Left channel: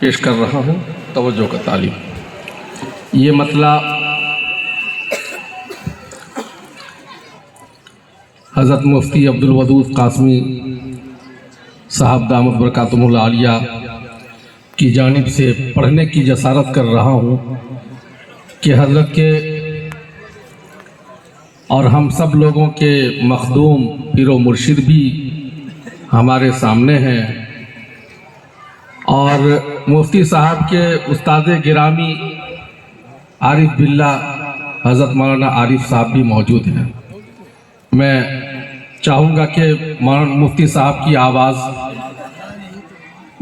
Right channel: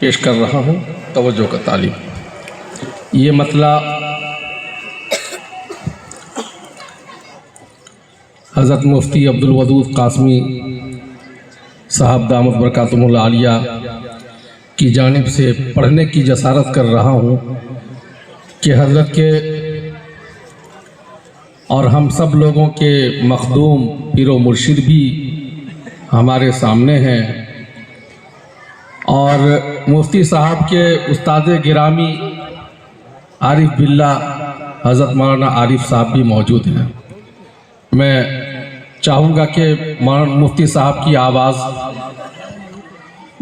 पेश कर रहा हूँ तवज्जो का तालीम। ये मतला हज़रत मुफ्ती अब्दुल वदूद कासमी साहब दामत बरकातुहुल आलिया की जानिब से पढ़ने की जसारत कर रहा हूँ कि हज़रत के और हम सब लोगों के मखदूम पीरो मुर्शिद भी हमारे सामने हैं और मुफ्ती साहब के उस्ताद गिरामी आरिफ बिल्ला हज़रत मौलाना आरिफ साहब भी मौजूद हैं। मैं चाहूँगा कि मुफ्ती साहब की आवाज़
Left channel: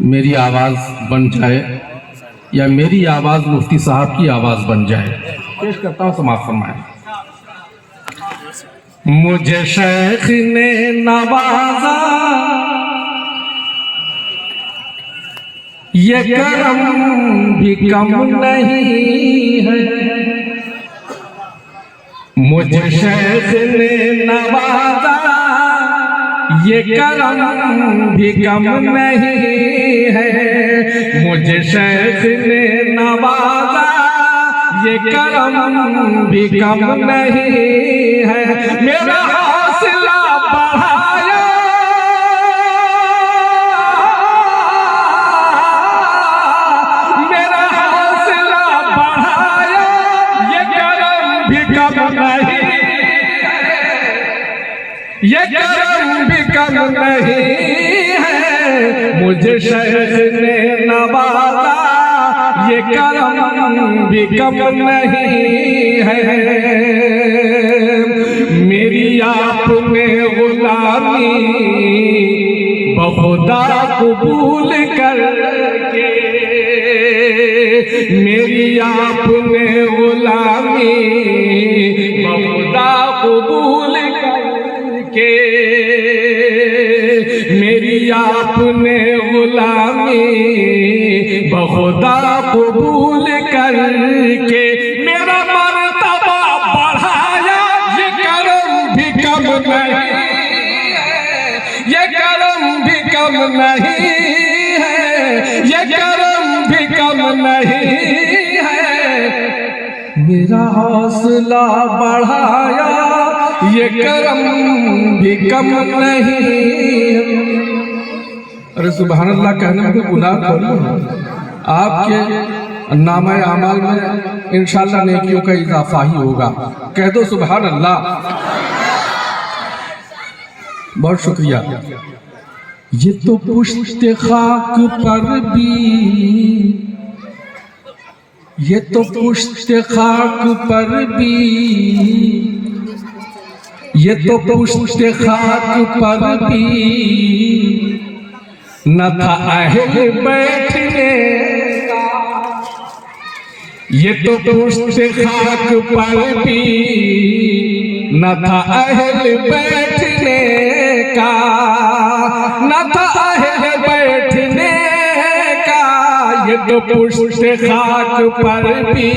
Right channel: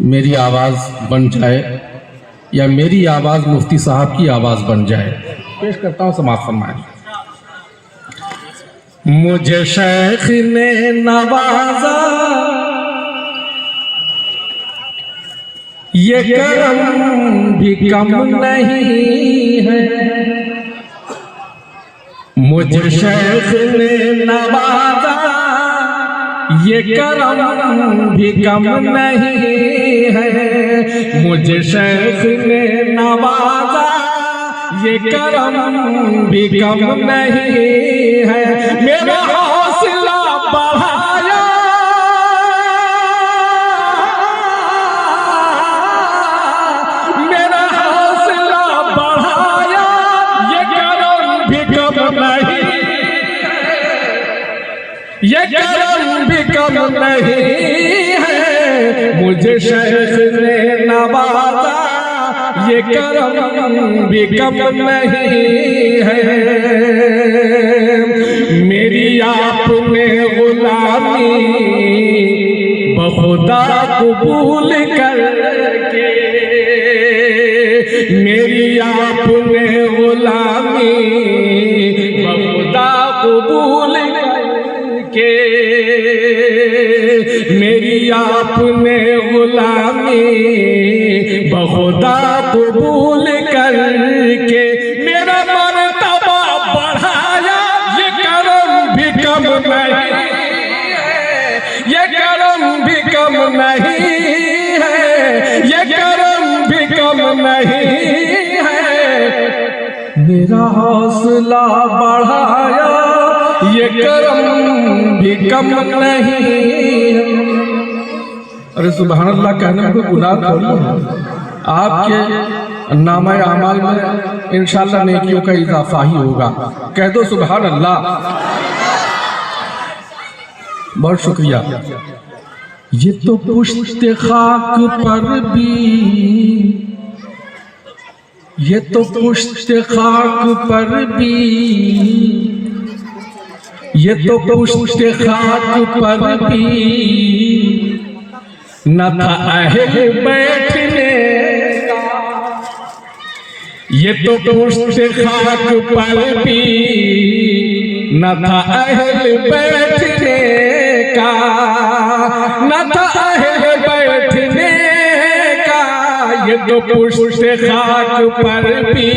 मेरी आवाज़ बन जाए या मेरी आवाज़ मुफ्ती साहब की आवाज़ बन जाए। पेश करता हूँ, समाअत फरमाएं। मुझे शेख ने नवाजा ये करम भी कम नहीं है, मुझे शेख ने नवाजा ये करम भी कम नहीं है, मुझे शेख ने नवाजा ये करम भी कम नहीं है। मेरा हौसला बढ़ाया ये करम भी कम नहीं है, मुझे शेख ने नवाजा ये करम भी कम नहीं है। मेरी आपने गुलामी बहुदा कबूल करके, मेरी आपने गुलामी बहुदा कबूल के, मेरी आपने गुलामी बहुदा कबूल करके मेरा मर्तबा बढ़ाया। ये करम भी कम नहीं है, ये करम भी कम नहीं है, ये करम भी कम नहीं है। मेरा हौसला बढ़ाया ये करम भी कम नहीं। अरे सुभान अल्लाह कहने में कोई गुनाह थोड़ी है। आपके नामा अमाल में इंशाअल्लाह नेकियों का इजाफा ही होगा। कह दो सुभान अल्लाह। बहुत शुक्रिया। ये तो पुश्त खाक पर भी, ये तो पुश्त खाक पर भी, ये तो पुश्त खाक पर भी न था अहल बैठने का, ये तो पुश्त खाक पर भी न था अहल बैठने का, न था अहल बैठने का, ये तो पुश्त खाक पर भी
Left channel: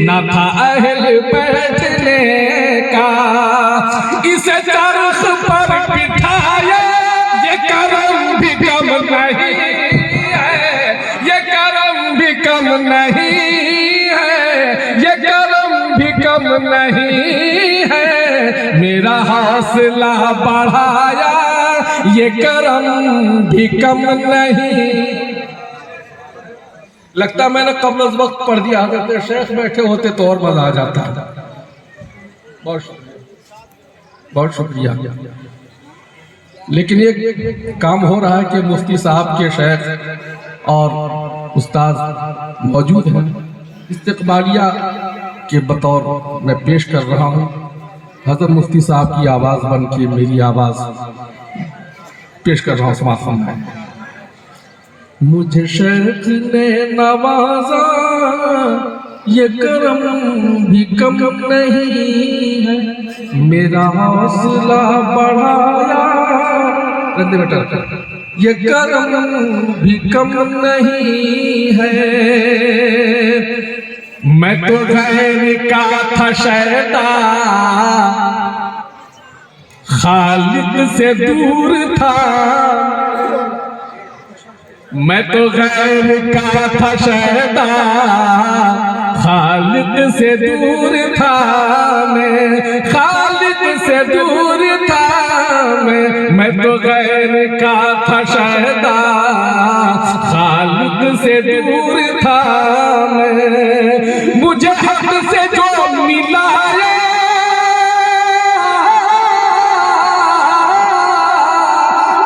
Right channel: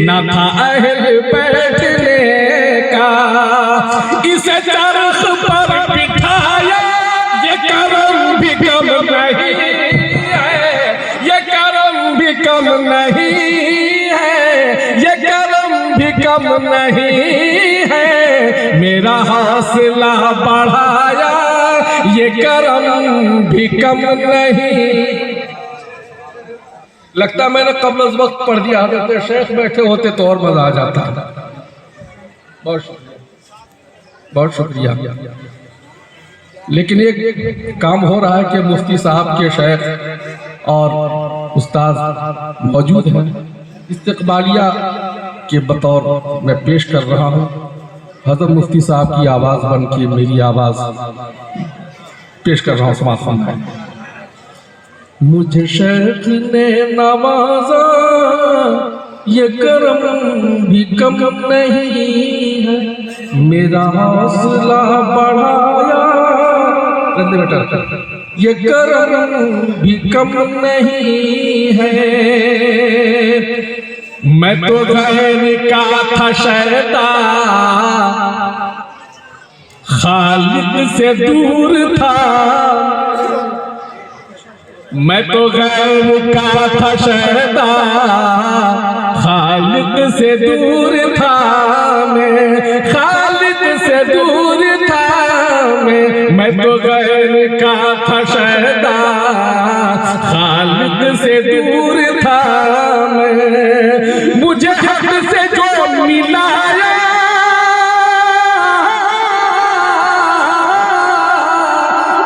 न था अहल बैठने का। इसे चरख पर बिठाया ये करम भी कम नहीं है, ये करम भी कम नहीं है, ये करम भी कम नहीं है। मेरा हौसला बढ़ाया ये करम भी कम नहीं। लगता मैंने कब्ल अज़ वक्त पढ़ दिया, तो शेख बैठे होते तो और मजा आ जाता। बहुत शुक्रिया। लेकिन एक काम हो रहा है कि मुफ्ती साहब के शेख और उस्ताद मौजूद हैं। इस्तकबालिया के बतौर मैं पेश कर रहा हूँ। हज़रत मुफ्ती साहब की आवाज़ बन के मेरी आवाज़ पेश कर रहा हूँ। समाअत फरमाएं। मुझे शेख ने नवाजा ये करम भी कम नहीं है, मेरा हौसला बढ़ाया ये करम भी कम नहीं है। मैं तो गैर का था शैता, खालिद से दूर था, मैं तो गैर का था शहदा, खालिक से दूर था मैं, खालिक से दूर था मैं तो गैर का था शहदा, खालिक से दूर था मैं। मुझे हक से जो मिलाया,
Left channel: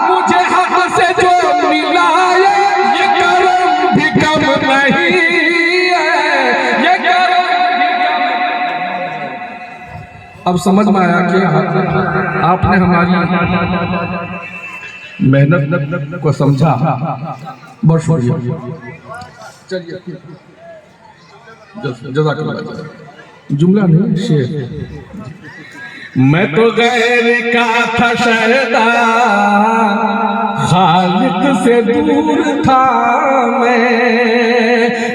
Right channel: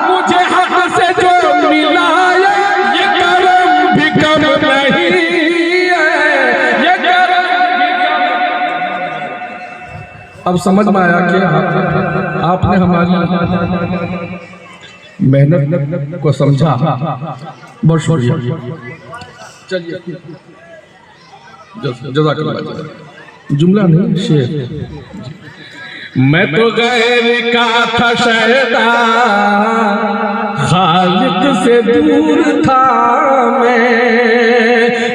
मुझे हक से जो मिलाया, ये करम भी कम नहीं है, ये करम भी कम। अब समझ में आया कि आपने हमारी मेहनत को समझा, बहुत शुक्रिया। चलिए जज़ाकल्लाह। जुमला नहीं शेर। मैं तो गैर का था शहदा, खालिक से दूर था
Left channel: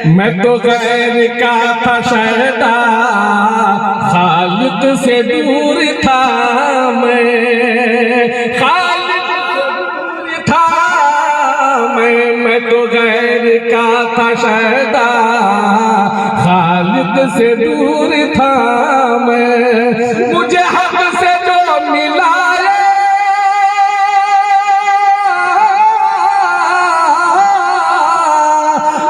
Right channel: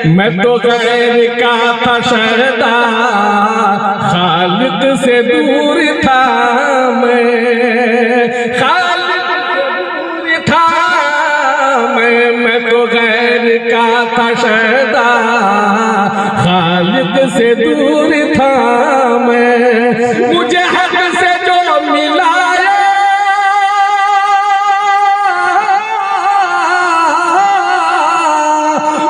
मैं तो गैर का था शहदा, खालिक से दूर था मैं, खालिक से दूर था मैं तो गैर का था शहदा, खालिक से दूर था मैं। मुझे हक से जो मिलाया,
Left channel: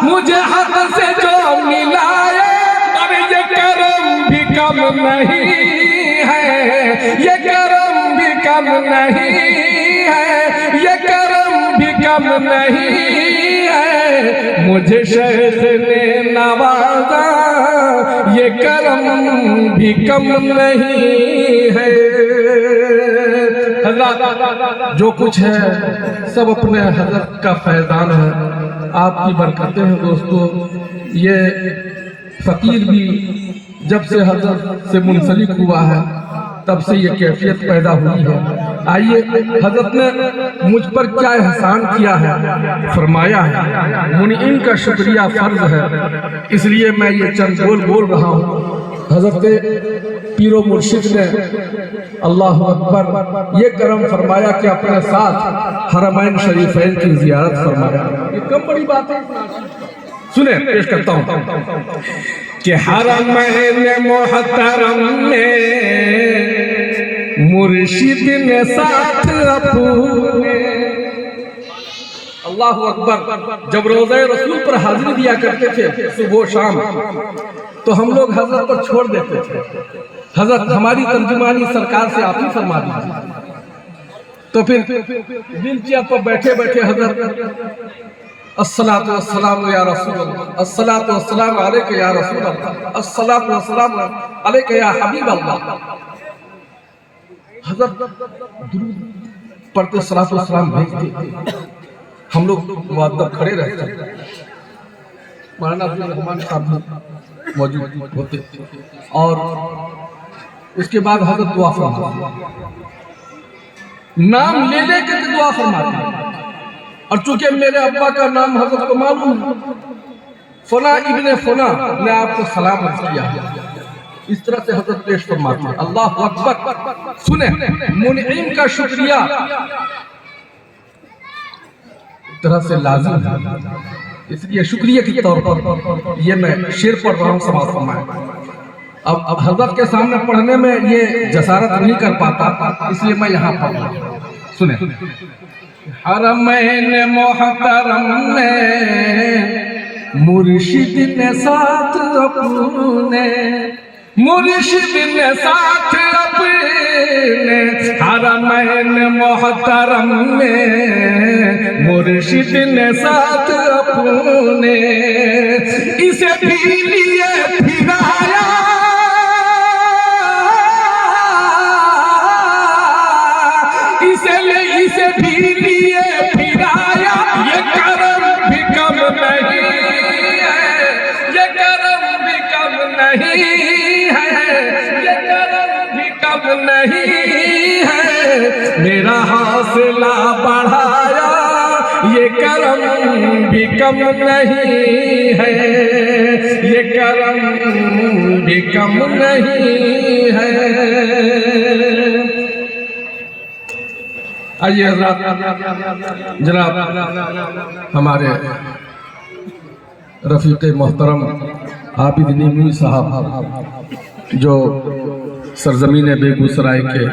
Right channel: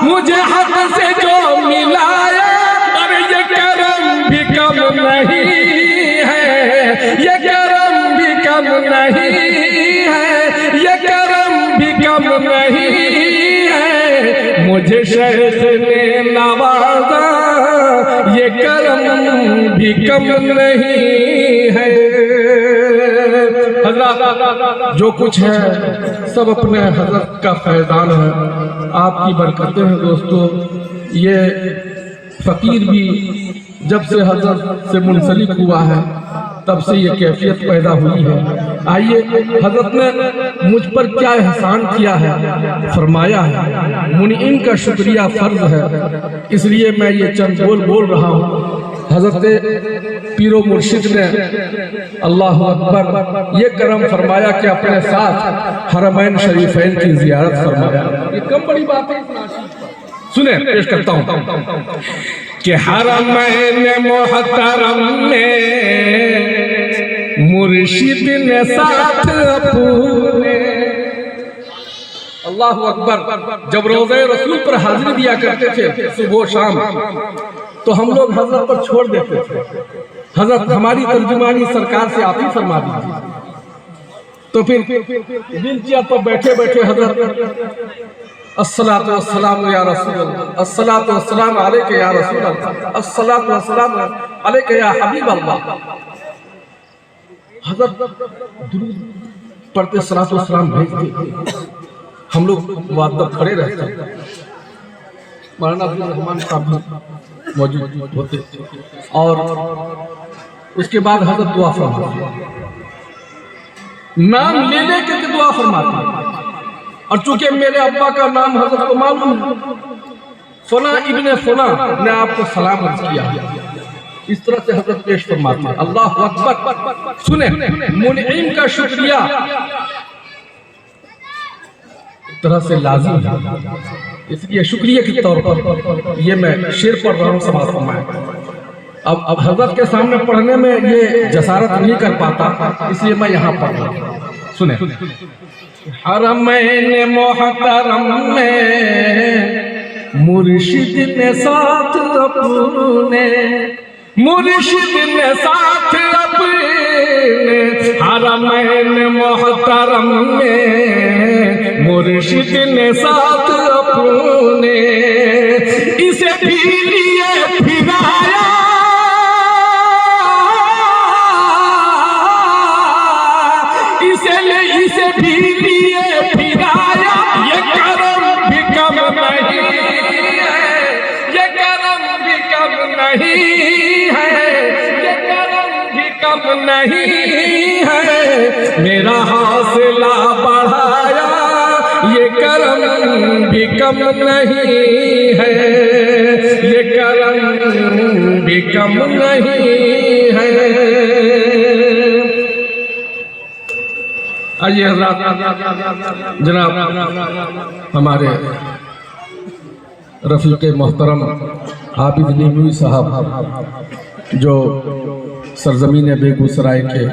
मुझे हक से जो मिलाया, और ये करम भी कम नहीं है, ये करम भी कम नहीं है, ये करम भी कम नहीं है। मुझे शेख ने नवाजा, ये करम भी कम नहीं है। हज़रत जो कुछ है सब अपने हज़रत का फैज़ान है, आपकी बरकतें हैं दोस्तों। ये फ़कीर भी जब से हज़रत से मुंसलिक हुआ है तब से ये कैफियत पैदा हुई है। आइए हज़रत ने मुझ पर क्या एहसान किया है फरमाया है, मुनीम का शुक्रिया फ़र्ज है, इसलिए मैं ये चंद बोल रहा हूँ। हज़रत पीरो मुर्शिद ने अल्लाह अकबर ये करम फरमाया कि अपने साथ हरमैन शरीफैन की ज़ियारत फरमाया। ये कम बड़ी बात है। सुने पेश करता हूँ कि हरमैन मोहतरम में मुर्शिद ने साथ अपने। अल्लाह अकबर। जब रोज़े रसूल पर हाजिरी दिया करते थे सुबह शाम, तो हम लोग हजरत पर छोड़ देते थे। हजरत हमारी तर्जुमानी सरकार से आप ही फरमा दीजिए। तो फिर व्हील चेयर पर बैठे बैठे हजरत अस्सलातु वस्सलाम या रसूल अल्लाह, अस्सलातु वस्सलाम अलैका या रसूल अल्लाह, अस्सलातु वस्सलाम अलैका या हबीब अल्लाह। हजरत दुरूद पढ़ते सलातो सलाम भेजते, हम लोग वादत खड़े रहते। मौलाना अब्दुल रहमान साहब मौजूद होते और उसके बाद हजरत दुआ फरमाते, नाम ले लेकर के दुआ फरमाते। और चूंकि मेरे अब्बा का नाम हजरत को मालूम है, फला इब्ने फला ने आपको सलाम अर्ज किया, इस तरह से हजरत पेश फरमाते। अल्लाह अकबर। सुने मुनीम का शुक्रिया एक तरह से लाजिम है, इसलिए शुक्रिया के तौर पर ये मैं शेर पढ़ रहा हूँ समाज फरमाए। अब हजरत के सामने पढ़ने में ये जसारत नहीं कर पाता, इसलिए मैं यहाँ पढ़ रहा हूँ। सुने हरमैन मोहतरम में मुर्शिद ने साथ अपने, मुर्शिद ने साथ अपने, हरमैन मोहतरम में मुर्शिद ने साथ अपने, इसे भी लिए फिराया, इसे भी लिए फिराया। ये करम भी कम नहीं है, ये करम भी कम नहीं है, ये करम भी कम नहीं है। मेरा हौसला बढ़ाया, ये करम भी कम नहीं है, ये करम भी कम नहीं है। आइए हज़रात, जनाब हमारे रफ़ीक़ मोहतरम आबिद नीमवी साहब जो सरज़मीन बेगूसराय के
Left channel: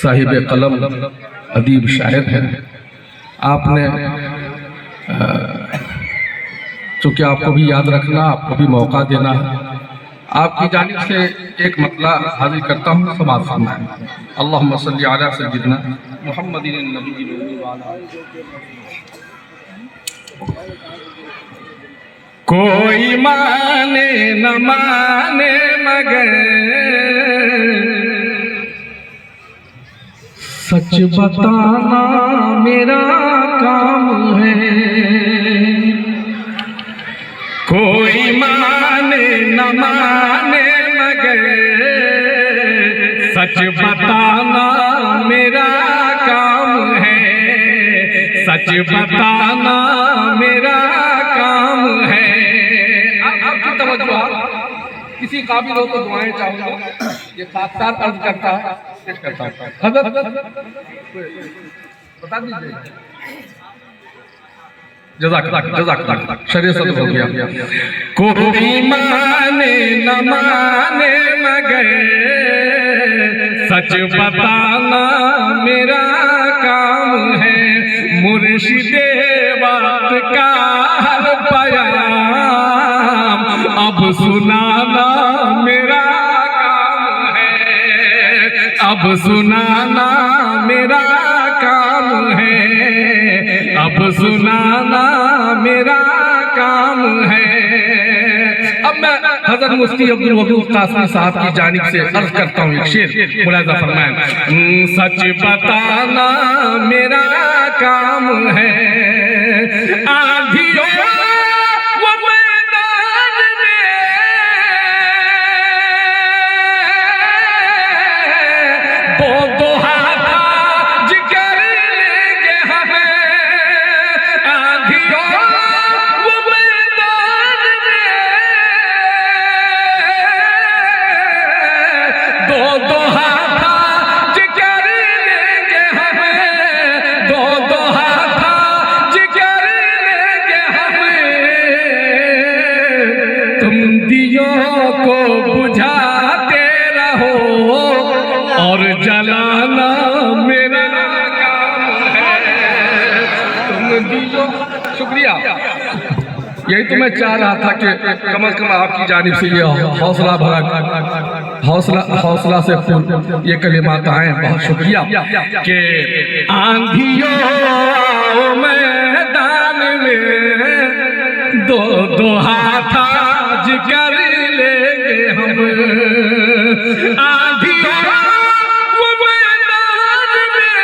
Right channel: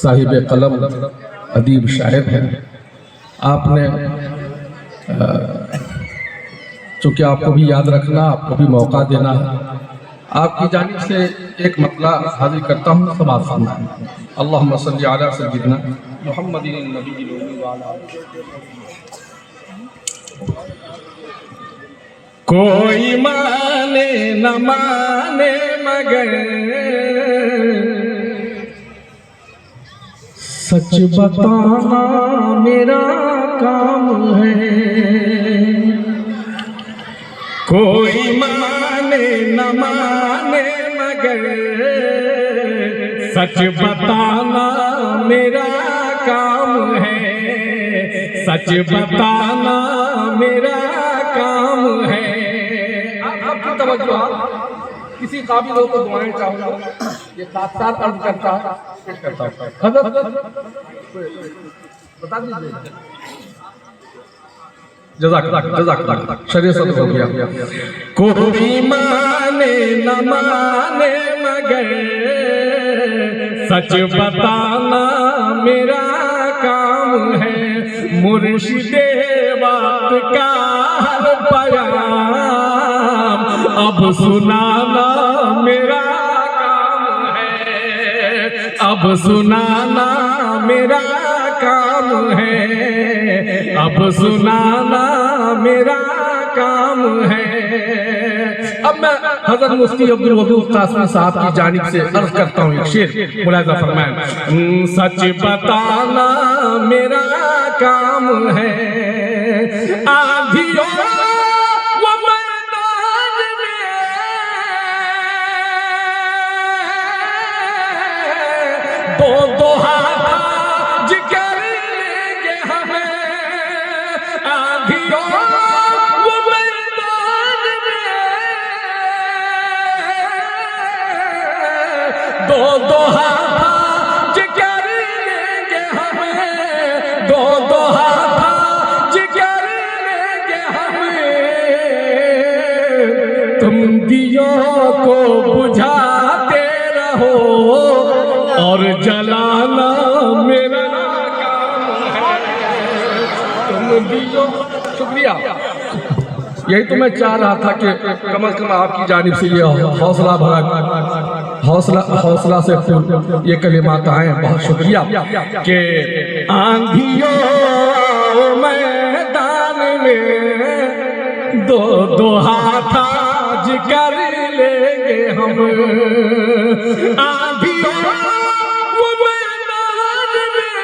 साहिब कलम अदीब शायर हैं, आपने चूँकि आपको भी याद रखना, आपको भी मौका देना है, आपकी जानिब से एक मतला हाजिर करता हूँ, समाअत फरमाएं। अल्लाहुम्मा सल्ली अला सय्यिदिना मुहम्मदिन नबील उम्मी व अला कोई माने न माने मगर सच बताना मेरा काम है। कोई माने न माने मगर सच बताना मेरा काम है। सच बताना मेरा काम है। आपकी तवज्जो, किसी काबिल हो तो दुआएं चाहूँगा, ये साथ साथ अर्ज करता है, पेश करता हूँ। हज़रत बता दीजिए। जज़ाक शरीयत हो गया। कोई माने न माने मगर सच बताना मेरा काम है। मुर्शिदे बात का हर बयान अब सुनाना मेरा काम है। अब सुनाना मेरा काम है। अब सुनाना मेरा काम है। अब मैं हज़रत मुफ्ती अब्दुल वदूद कासमी साहब की जानिब से अर्ज करता हूँ एक शेर, मुलाहिज़ा फरमाएं। सच बताना मेरा काम है। आंधियों वो मैदान में दो दो हाथ जिगर लेंगे हमें। आंधियों वो मैदान में दो दो हाथ जिगर लेंगे हमें। दो दो हाथ जिगर लेंगे हमें। तुम दियों को बुझाते रहो और जलाना मेरा काम है। तुम दियों, शुक्रिया। यही तो मैं चाह रहा था कि कम से कम आपकी जानिब से ये हौसला भरा, हौसला से फूल ये कलिमात आए। बहुत शुक्रिया। के आंधियों आओ मैदान में दो दो हाथ आज कर लेंगे हम। आंधियों वो मैदान में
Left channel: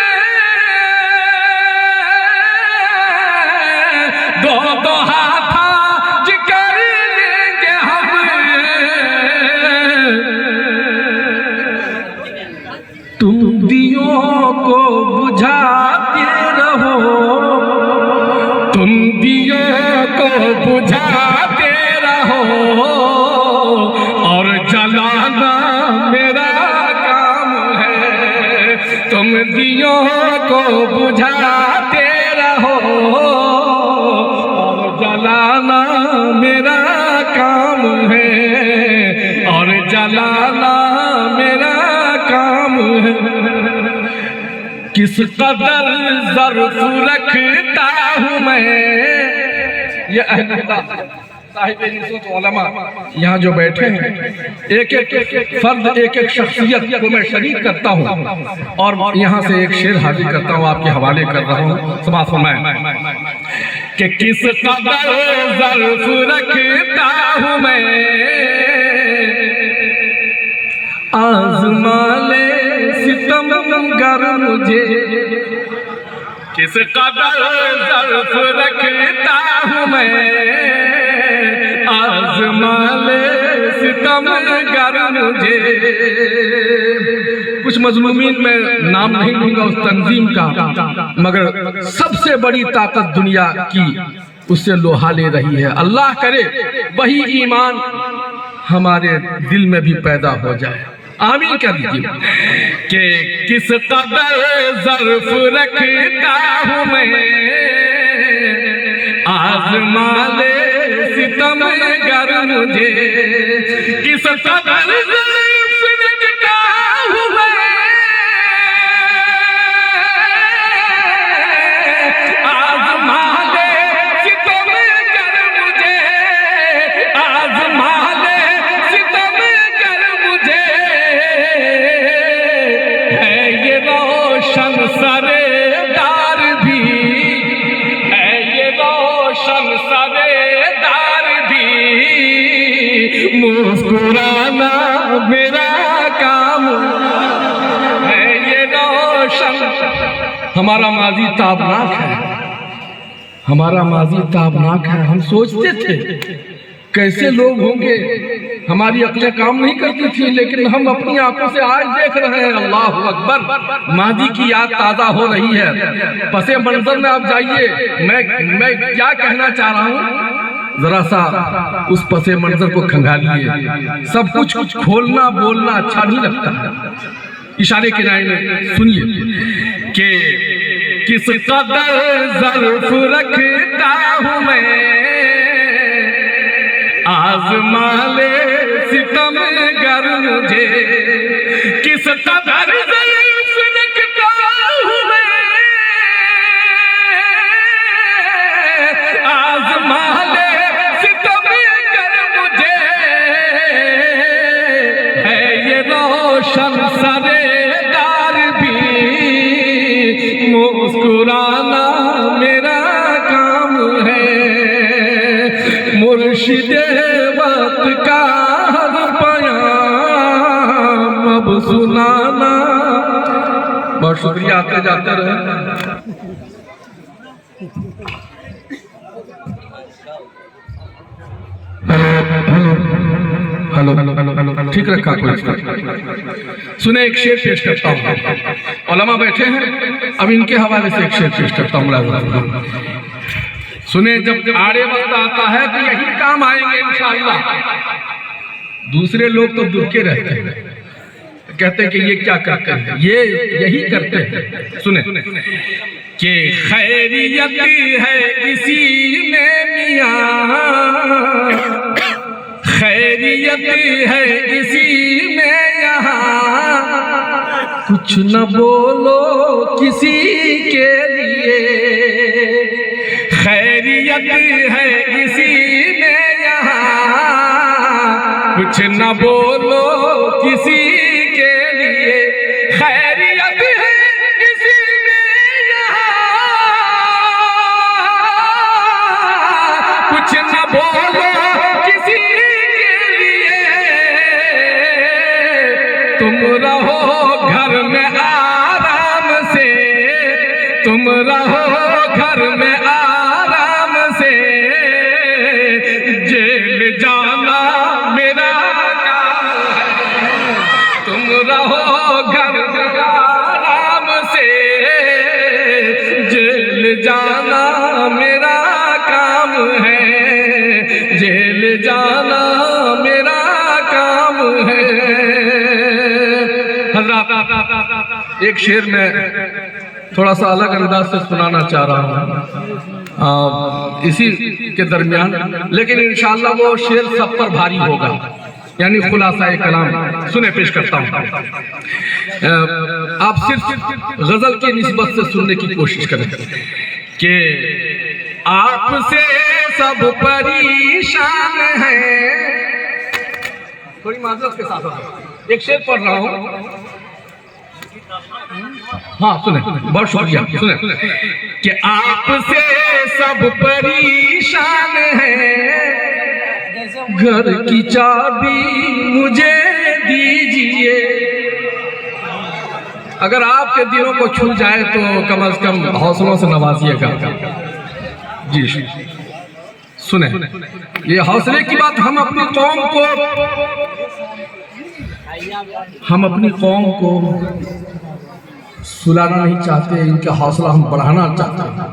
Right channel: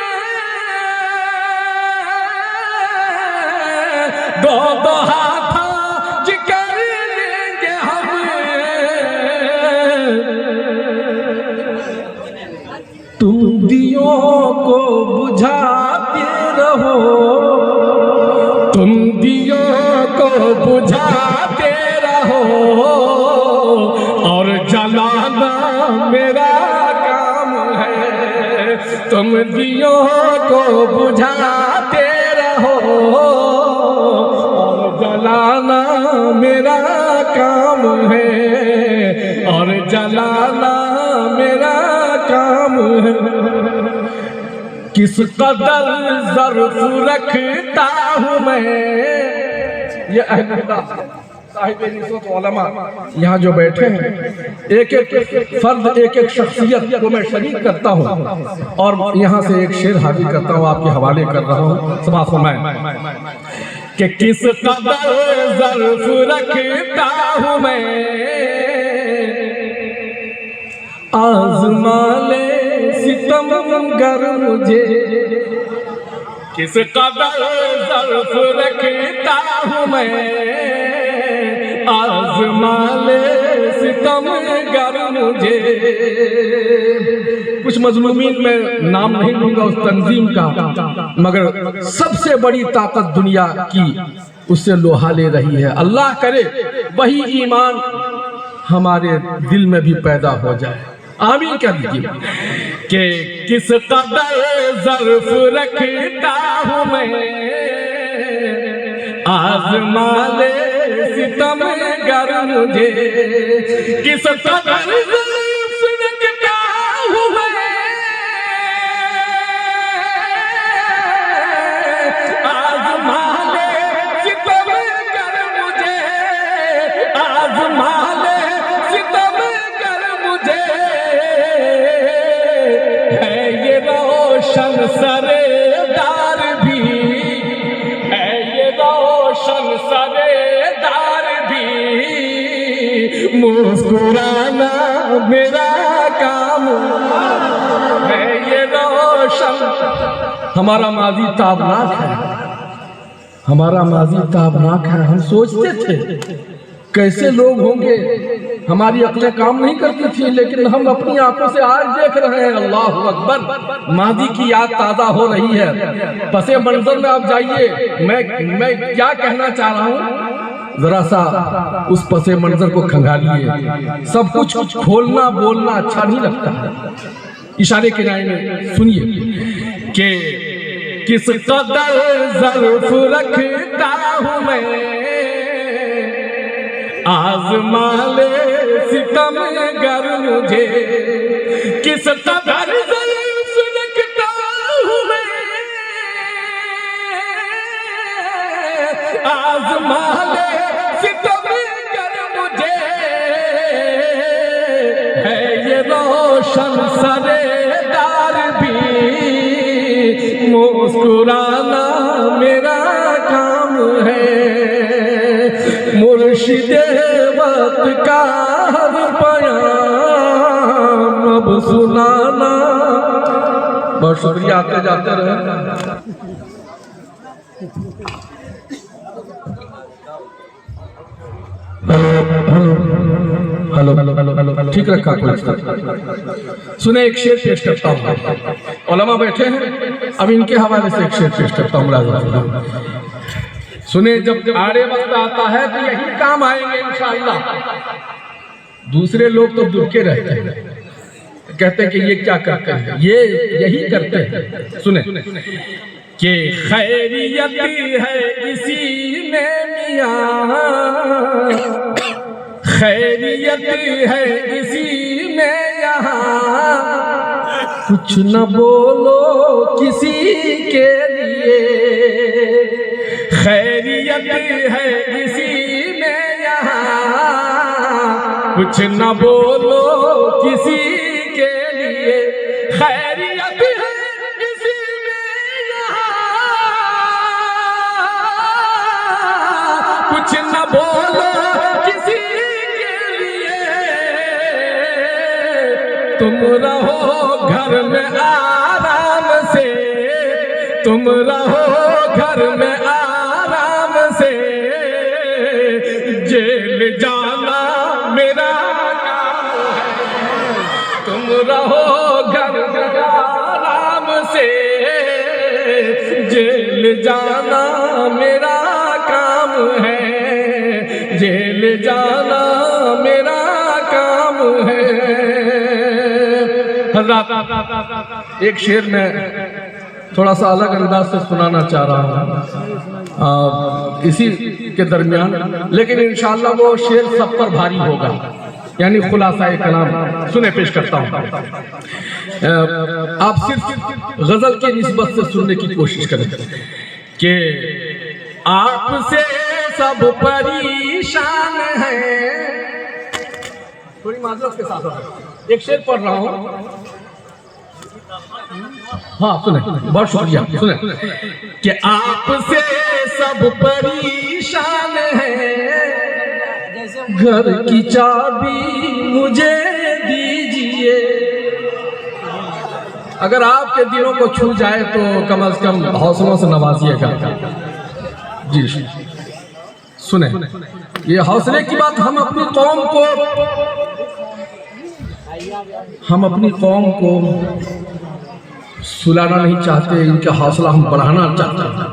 दो दो हाथ आज कर लेंगे हम। तुम दियों को बुझाते रहो। तुम दियों को बुझाते रहो और जलाना मेरा काम है। तुम दियों को बुझाते रहो और जलाना मेरा काम है। और जलाना मेरा काम है। किस कदर ज़र्फ रखता हूँ मैं। ये अहले साहिब निसबत उलमा यहाँ जो बैठे हैं, एक एक फर्द, एक एक शख्सियत को मैं शरीक करता हूँ और यहाँ से एक शेर हाजिर करता हूँ, आपके हवाले कर रहा हूँ। समाअत फरमाएं कि किस कदर ज़र्फ रखता हूँ मैं। आज़मा ले सितमगर मुझे। किस कदर ज़र्फ रखता हूँ मैं। आज़मा ले सितमगर मुझे। कुछ मजलूमीन में नाम नहीं लूंगा उस तंजीम का, मगर सबसे बड़ी ताकत दुनिया की उससे लोहा ले रही है। अल्लाह करे वही ईमान हमारे दिल में भी पैदा हो जाए। आमीन कह दीजिए। कि किस कदर ज़र्फ रखता हूँ मैं, आज़मा ले सितम गर मुझे। किस कदर ज़र्फ रखता हूँ मैं, आज़मा ले सितम गर मुझे, आज़मा ले सितम गर मुझे। है ये रोशन सरेदार भी, है ये रोशन सरेदार भी, मुस्कुराना मेरा काम है। ये रोशन, हमारा माजी ताबनाक है, हमारा माजी ताबनाक है। हम सोचते थे कैसे लोग होंगे, हमारी अक्लें काम नहीं करती थी, लेकिन हम अपनी आंखों से आज देख रहे हैं। अल्लाह अकबर, माजी की याद ताज़ा हो रही है। पसे मंजर में आप जाइए, मैं क्या कहना चाह रहा हूँ, जरा सा उस पसे मंजर को खंगालिए। सब कुछ खोलना बोलना अच्छा नहीं लगता है। इशारे किनारे में सुनिए कि किस कदर ज़र्फ रखता हूँ मैं, आज़मा ले सितम गर मुझे। किस कदर ज़र्फ रखता हूँ मैं, आज़मा ले सितम गर मुझे। है ये रोशन सरेदार भी, मुस्कुराना मेरा काम है। मुर्शिदे वक्त का हर बयान अब सुनाना। बहुत शुक्रिया, आते जाते रहे। हेलो हेलो हेलो हेलो, ठीक रखा कोई? सुने, एक शेर पेश करता हूँ। उलमा बैठे हैं, अब इनके हवाले से एक शेर पेश करता हूँ। सुने, जब आड़े वक्त आता है तो यही काम आएंगे इंशाअल्लाह। दूसरे लोग तो दुखे रहते हैं, कहते हैं कि ये क्या करते हैं, ये यही करते हैं। सुने कि खैरियत है इसी में मियाँ, खैरियत है इसी में यहाँ। कुछ न बोलो किसी के लिए, खैरियत है इसी में यहाँ। कुछ न बोलो किसी के लिए, खैरियत है इसी में यहाँ। कुछ न बोलो किसी के लिए, तुम रहो घर में आराम से, तुम रहो घर में आराम से। जेल जाना मेरा काम है, तुम रहो घर में आराम से। जेल जाना मेरा काम है, जेल जाना मेरा काम है। हज़रात, एक शेर में थोड़ा सा अलग अंदाज से सुनाना चाह रहा हूँ इसी के दरमियान, लेकिन इंशाअल्लाह वो शेर सब पर भारी होगा, यानी खुलासा कलाम। सुने, पेश करता हूँ। आप सिर्फ गजल की निस्बत से सुनने की कोशिश करें कि आपसे सब परेशान है। थोड़ी माजरत के साथ एक शेर पढ़ रहा हूँ। हाँ सुने, बहुत शुक्रिया। सुने कि आपसे सब परेशान है, घर की चाबी मुझे दीजिए। अगर आपके दिलों को छू जाए तो कम से कम हौसलों से नवाजिएगा। जी सुने, ये हौसले की बात हम अपनी कौम को सुलाना नहीं चाहते, इनका हौसला हम बढ़ाना चाहते हैं,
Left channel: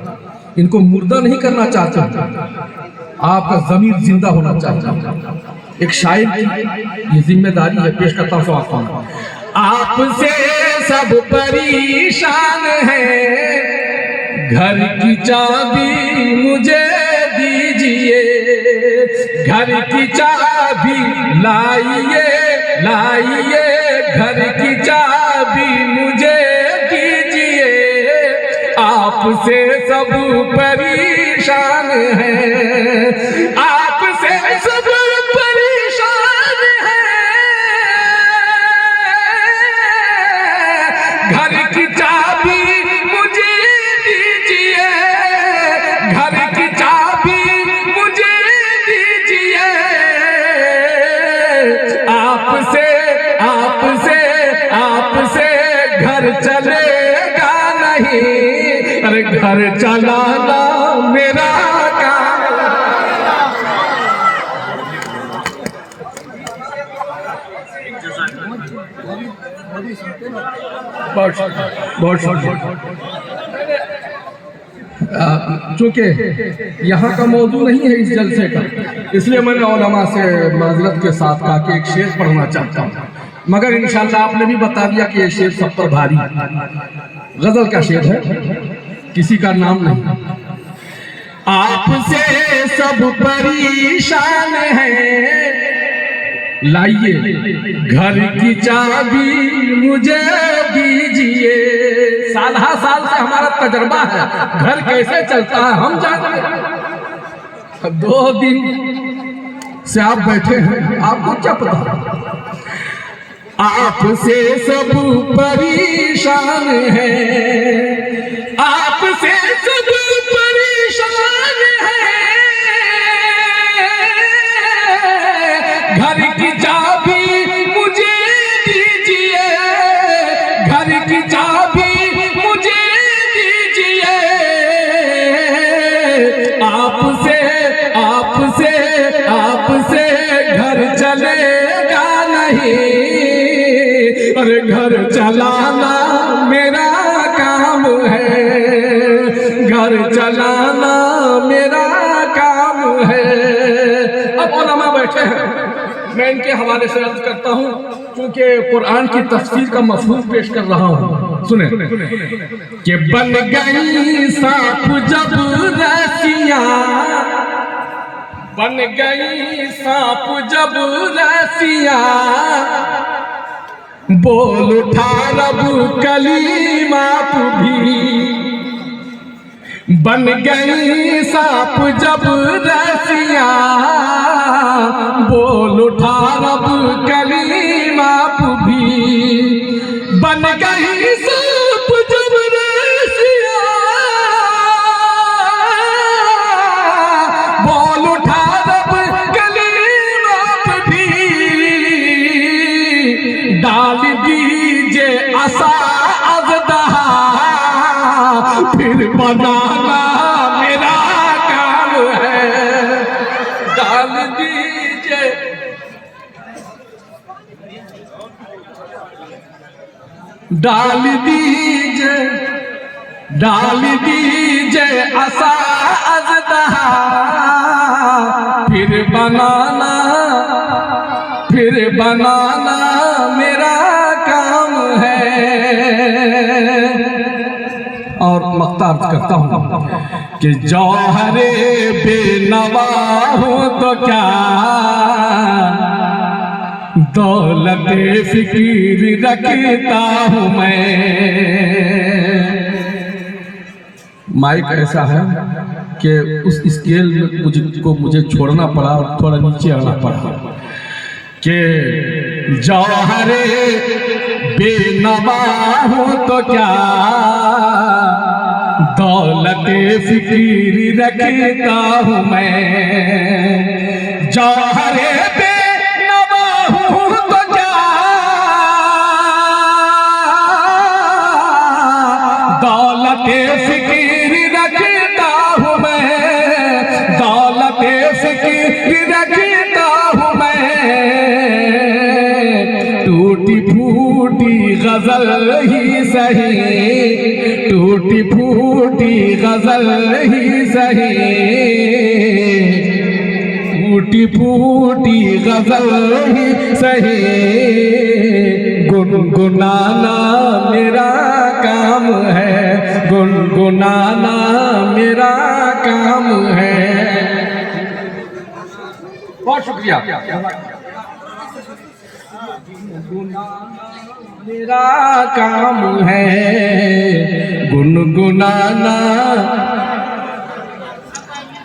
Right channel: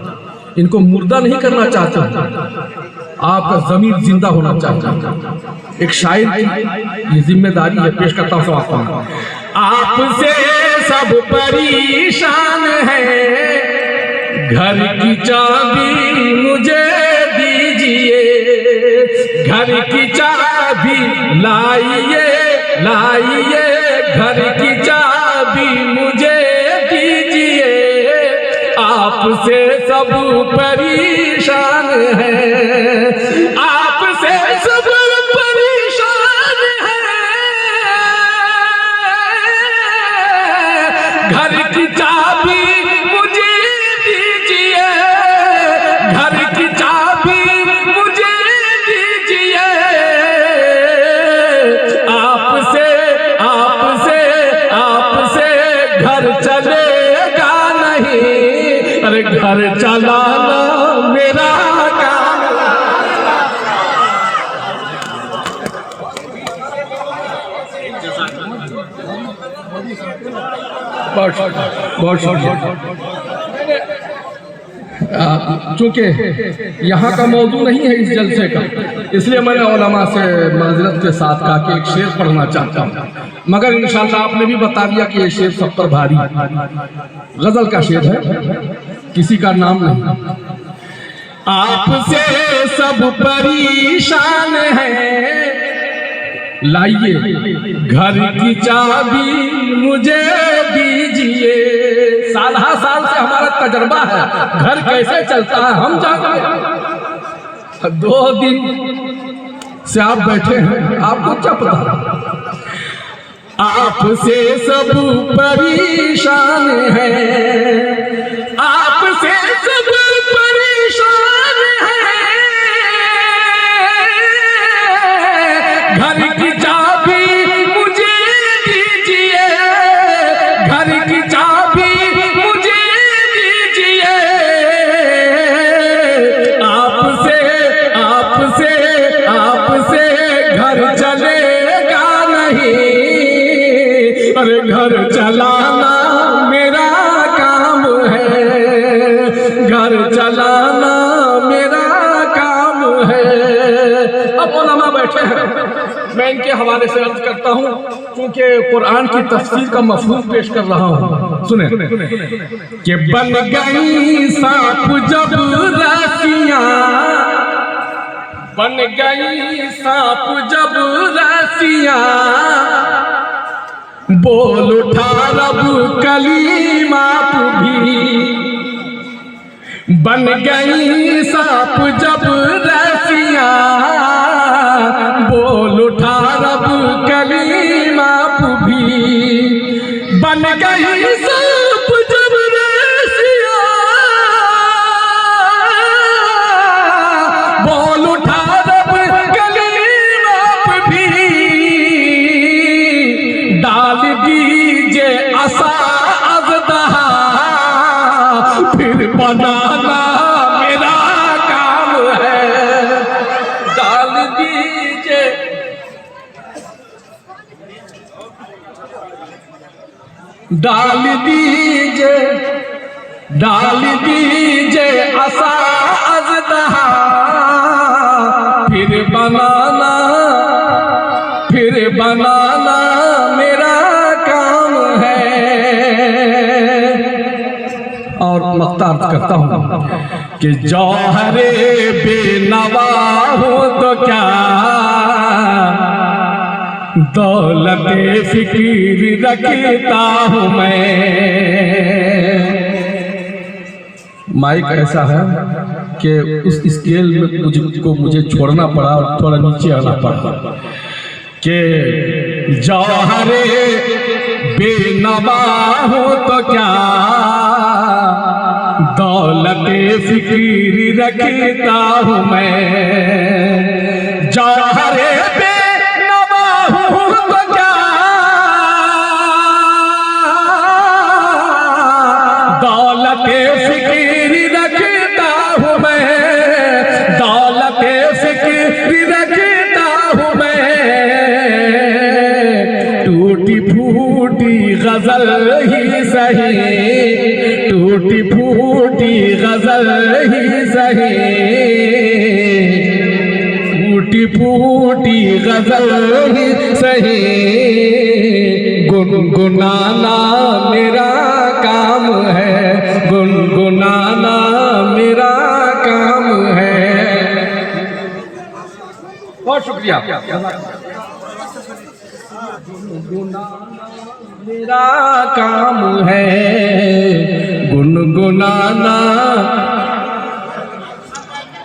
इनको मुर्दा नहीं करना चाहते, आपका ज़मीर जिंदा होना चाहिए। एक शायर की ये जिम्मेदारी है। पेश करता हूँ समाप्त। आपसे सब परेशान है, घर की चाबी मुझे दीजिए, घर की चाबी लाइए लाइए, घर की चाबी मुझे दीजिए, आपसे सब परेशान है, आपसे सब परेशान है, घर की चाबी मुझे दीजिए, घर की चाबी मुझे दीजिए, आपसे आपसे आपसे घर चलेगा नहीं, अरे घर चलाना मेरा काम। चूंकि यहाँ का मौजू नहीं है इस जलसे का, इसलिए मैंने उलमा से माजरत के साथ कहा कि एक शेर पढ़ना चाहता हूँ, मगर इंशाअल्लाह आपने भी बता दिया कि ये शेर सब पर भारी गजल का शेर है, किसी का नाम नहीं। आपसे सब परेशान है, लाइए घर की चाबी मुझे दीजिए। साल से हमारा तजर्बा है, घर कैसे चलता है हम जानते हैं। 2 दिन से आप बैठे हैं, आपको क्या पता। आपसे सब परेशान है, आपसे सब परेशान है, घर की चाबी मुझे दीजिए, घर की चाबी मुझे दीजिए, आपसे आपसे आपसे घर चलेगा नहीं, अरे घर चलाना मेरा काम है, घर चलाना मेरा काम है। अब उलमा बैठे हैं, मैं इनके हवाले से अर्ज करता हूँ, क्योंकि कुरान की तफसीर का मफहूम पेश कर रहा हूँ। सुने कि बन गई सांप जब रस्सियाँ, बन गई सांप जब रस्सियाँ, बोल उठा रब कलीमात भी, बन गई सांप जब रस्सियाँ, बोल उठा रब कलीमात भी, बन गई सांप जब रस्सियाँ, बोल उठा रब कलीमात भी, डाल दीजिए आसा अज़दहा, फिर बनाना मेरा काम है, डाल दीजिए, डाल दीजिए, डाल दीजिए आसा अज़दहा, फिर बनाना, फिर बनाना मेरा काम है। और मख्तार करता हूँ कि जौहरे बेनवा हूँ तो क्या, दौलते फिक्र रखता हूँ मैं। माइक ऐसा है कि उस स्केल में मुझे छोड़ना पड़ा और थोड़ा नीचे आना पड़ा कि जौहरे बेनवा हूँ तो क्या, दौलते फिक्र रखता हूँ मैं। जौहरे बेनवा हूँ तो क्या, दौलते फिक्र रखता हूँ मैं, दौलते फिक्र रखता हूँ मैं। टूटी फूटी गजल ही सही, टूटी फूटी गजल ही सही, टूटी फूटी गजल ही सही, गुनगुनाना मेरा काम है, गुनगुनाना मेरा काम है। बहुत शुक्रिया। मेरा काम है गुनगुनाना।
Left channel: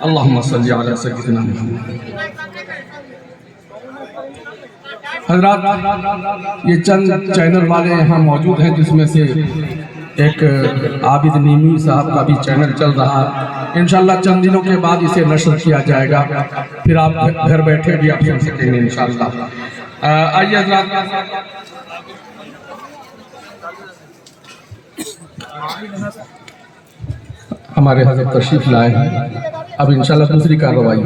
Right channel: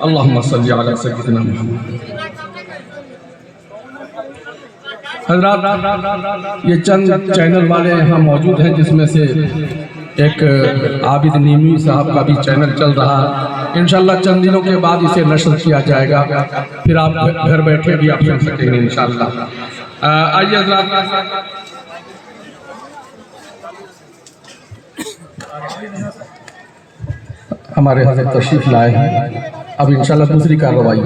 अल्लाहुम्मा सल्ली अला सय्यिदिना मुहम्मद। हज़रात, ये चंद चैनल वाले यहाँ मौजूद हैं, जिसमें से एक आबिद नीमी साहब का भी चैनल चल रहा है। इंशाल्लाह चंद दिनों के बाद इसे नशर किया जाएगा, फिर आप घर बैठे भी आप सुन सकेंगे इंशाल्लाह। आइए हज़रात, हमारे हज़रत तशरीफ लाए हैं। अब इंशाल्लाह दूसरी कार्रवाई